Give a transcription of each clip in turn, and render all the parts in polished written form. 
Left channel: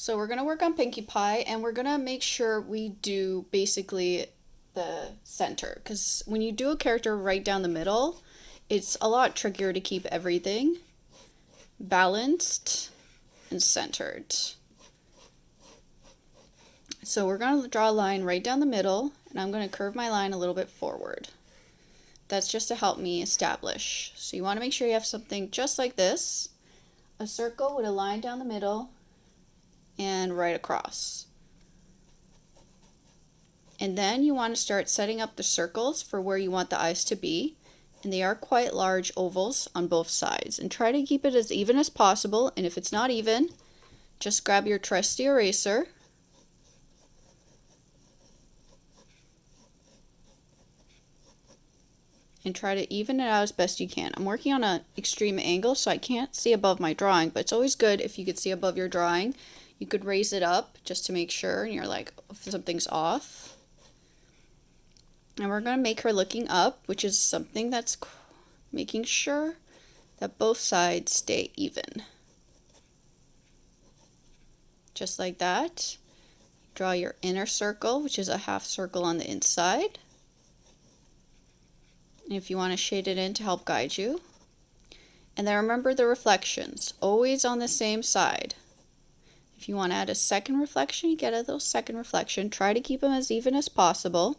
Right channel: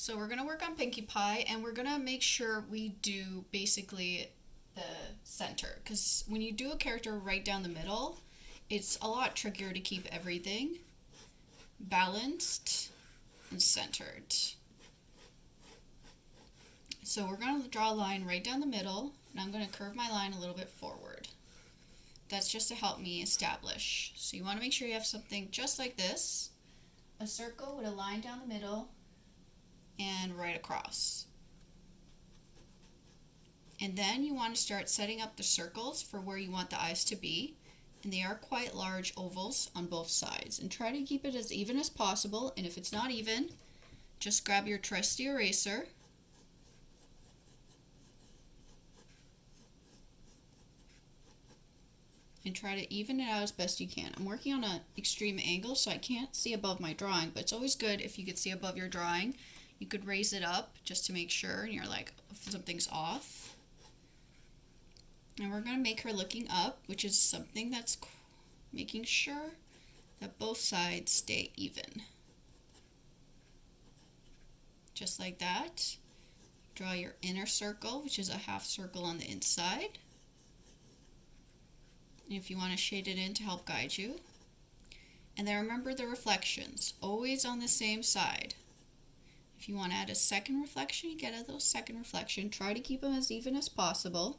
So we're gonna work on Pinkie Pie and we're gonna make sure we do basically the center because when you do a character right down the middle, it's a lot trickier to keep everything balanced and centered. So we're gonna draw a line right down the middle and I'm gonna curve my line a little bit forward. That's just to help me establish. So you wanna make sure you have something just like this, a circle with a line down the middle and right across. And then you want to start setting up the circles for where you want the eyes to be. And they are quite large ovals on both sides. And try to keep it as even as possible. And if it's not even, just grab your trusty eraser. And try to even it out as best you can. I'm working on an extreme angle, so I can't see above my drawing. But it's always good if you could see above your drawing. You could raise it up just to make sure, and you're like, if something's off. And we're going to make her looking up, which is something that's making sure that both sides stay even. Just like that. Draw your inner circle, which is a half circle on the inside. And if you want to shade it in to help guide you. And then remember the reflections, always on the same side. If you want to add a second reflection, you get a little second reflection. Try to keep them as even as possible.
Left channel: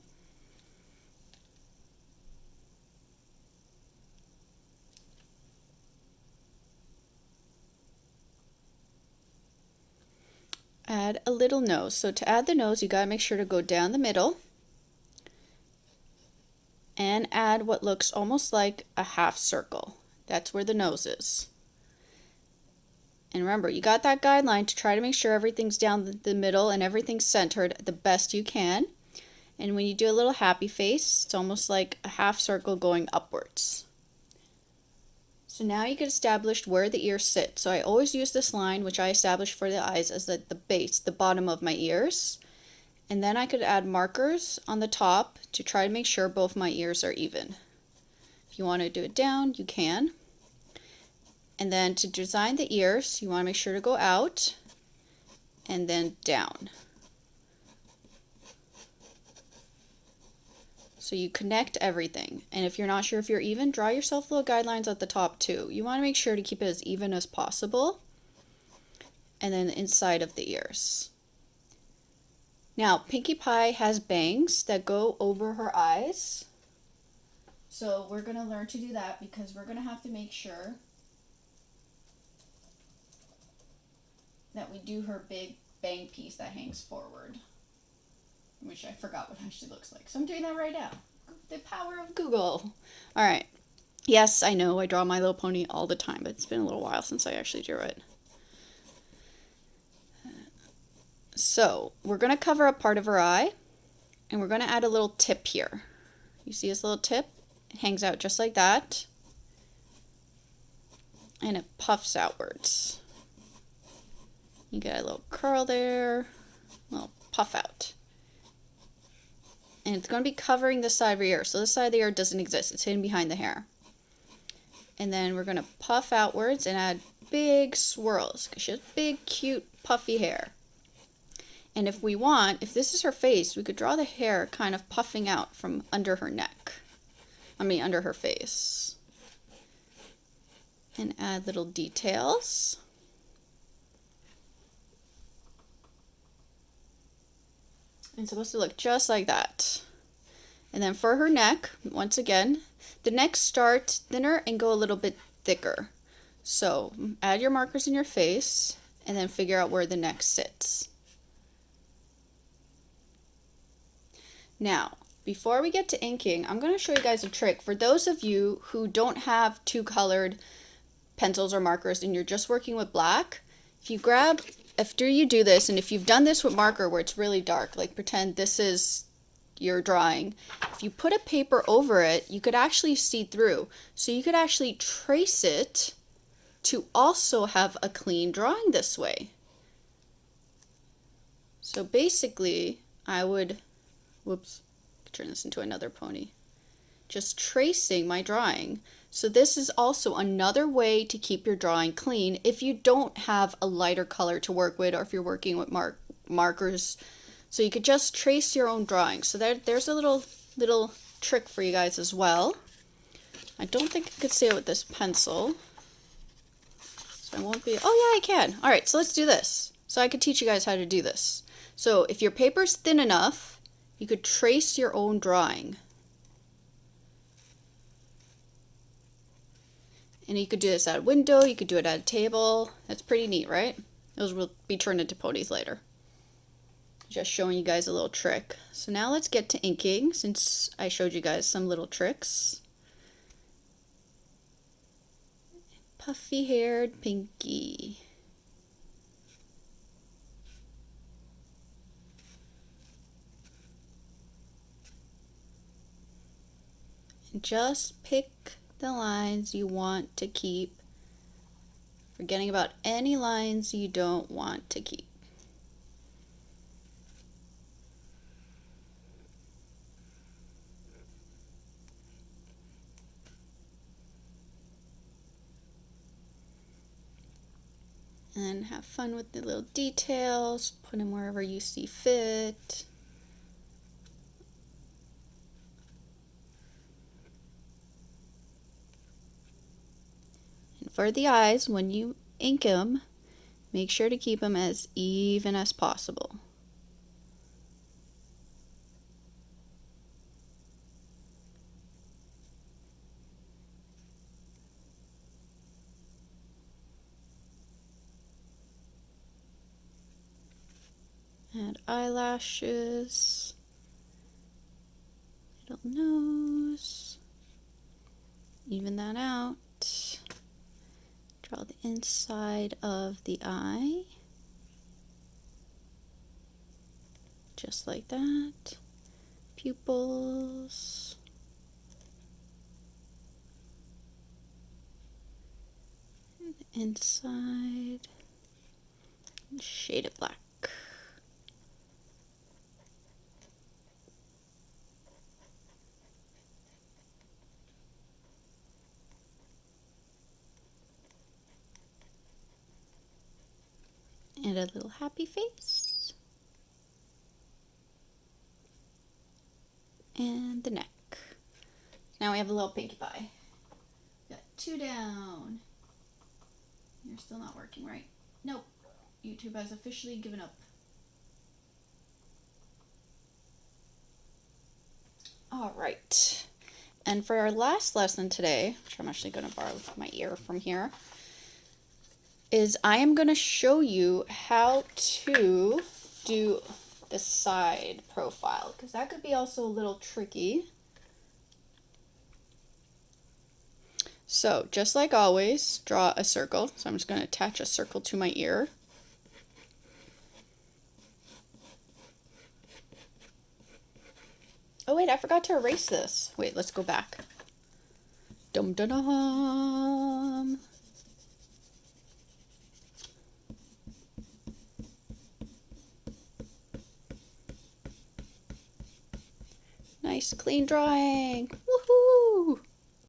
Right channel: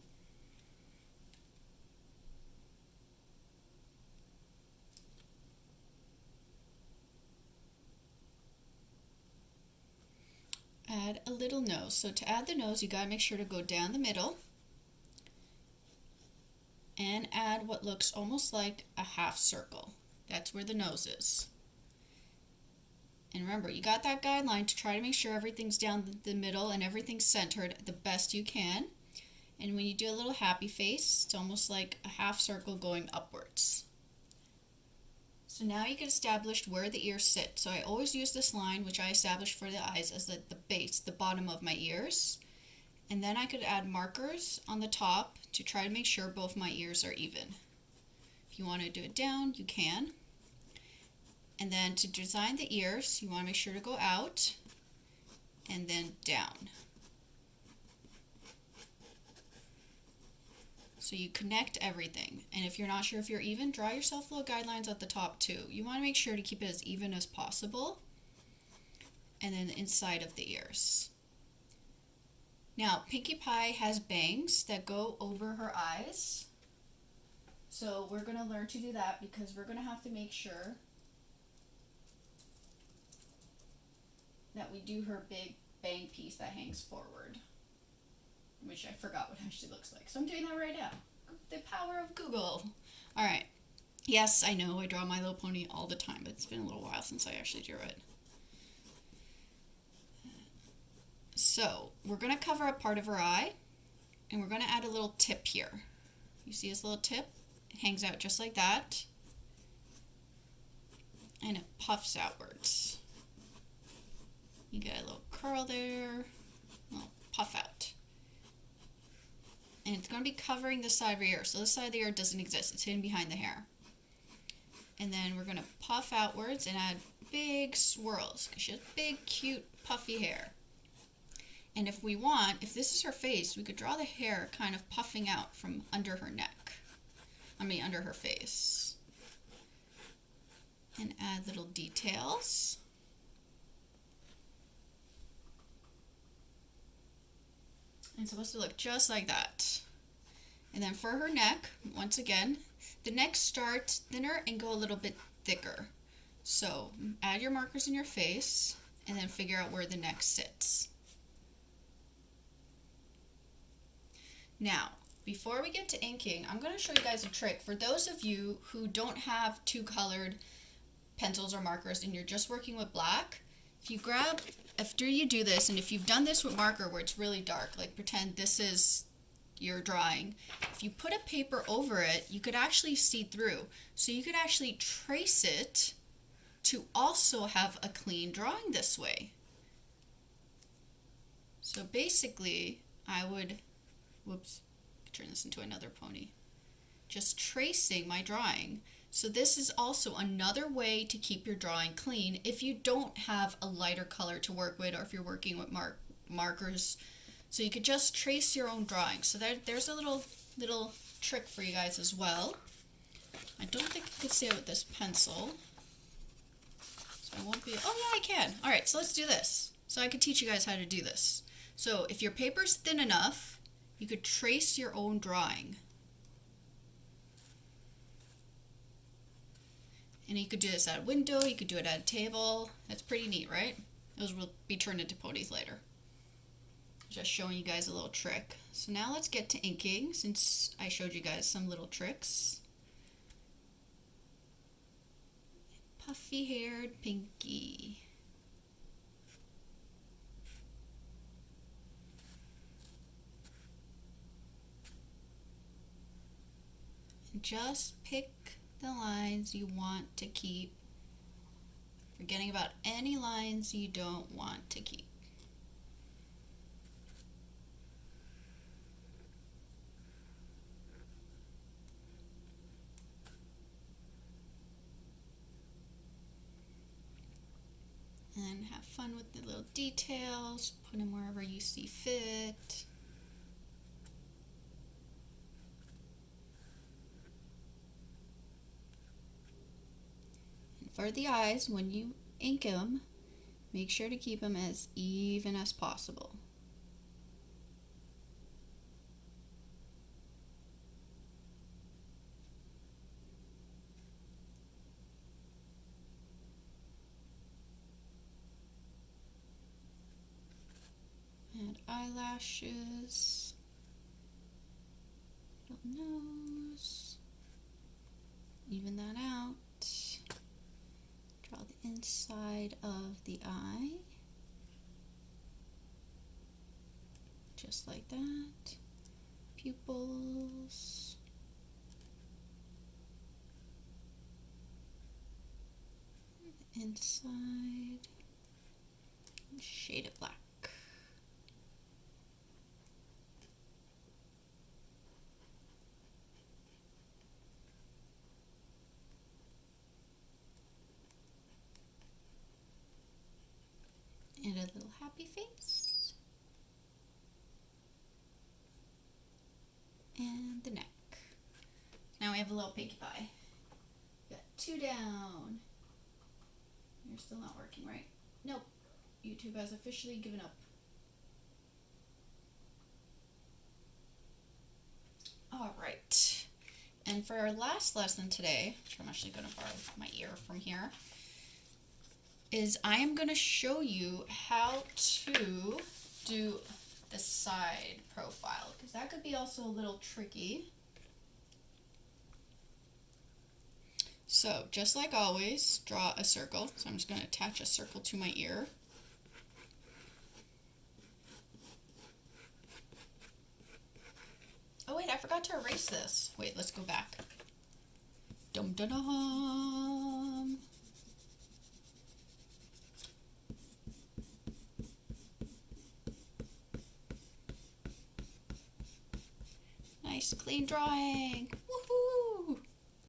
Add a little nose. So to add the nose, you got to make sure to go down the middle and add what looks almost like a half circle. That's where the nose is. And remember, you got that guideline to try to make sure everything's down the middle and everything's centered the best you can. And when you do a little happy face, it's almost like a half circle going upwards. So now you get established where the ears sit. So I always use this line, which I established for the eyes, as the base, the bottom of my ears. And then I could add markers on the top to try to make sure both my ears are even. If you want to do it down, you can. And then to design the ears, you want to make sure to go out and then down. So you connect everything. And if you're not sure if you're even, draw yourself little guidelines at the top too. You want to make sure to keep it as even as possible. And then inside of the ears. Now, Pinkie Pie has bangs that go over her eyes. So we're going to learn to do that because we're going to have to make sure that we do her big bang piece that hangs forward, which I forgot what it actually looks like. So I'm doing that right now. The power of Google. All right. Yes, I know I draw My Little Pony all the time, but it's been a little while since I actually drew it. So we're going to cover up part of her eye, and we're going to add a little tip here. You see this little tip? It hangs out just like that, and it puffs outwards. You get a little curl there, a little puff out. And it's going to be covering this side of your ear. So this side of the ear doesn't exist. It's hidden behind the hair. And then we're going to puff outwards and add big swirls because she has big, cute, puffy hair. And if we want, if this is her face, we could draw the hair kind of puffing out from under her neck. Under her face. And add little details. It's supposed to look just like that. And then for her neck, once again, the neck starts thinner and go a little bit thicker. So add your markers in your face and then figure out where the neck sits. Now, before we get to inking, I'm going to show you guys a trick. For those of you who don't have two colored pencils or markers and you're just working with black, after you do this, and if you've done this with marker where it's really dark, like pretend this is your drawing, if you put a paper over it, you could actually see through. So you could actually trace it to also have a clean drawing this way. So basically, I would, turn this into another pony. Just tracing my drawing. So this is also another way to keep your drawing clean if you don't have a lighter color to work with, or if you're working with markers. So you could just trace your own drawing. So there's a little trick for you guys as well. I don't think I could say it with this pencil. So I won't be, oh yeah, I can. All right, so let's do this. So I could teach you guys how to do this. So if your paper's thin enough, you could trace your own drawing. And you could do this at a window, you could do it at a table. That's pretty neat, right? Those will be turned into ponies later. Just showing you guys a little trick. So now let's get to inking, since I showed you guys some little tricks. Puffy-haired Pinkie. And just pick the lines you want to keep, forgetting about any lines you don't want to keep. And have fun with the little details, put them wherever you see fit. And for the eyes, when you ink them, make sure to keep them as even as possible. Add eyelashes, little nose, even that out. Draw the inside of the eye, just like that. Pupils. The inside. Shade it black. And a little happy face. And the neck. Now we have a little Pinkie Pie. Got 2 down. You're still not working, right? Nope. YouTube has officially given up. All right. And for our last lesson today, which I'm actually going to borrow my ear from here, is I am going to show you how to do the side profile, because that could be also a little tricky. So just like always, draw a circle. So I'm just going to attach a circle to my ear. Oh wait, I forgot to erase this. Wait, let's go back. Dum dum dum. Nice clean drawing.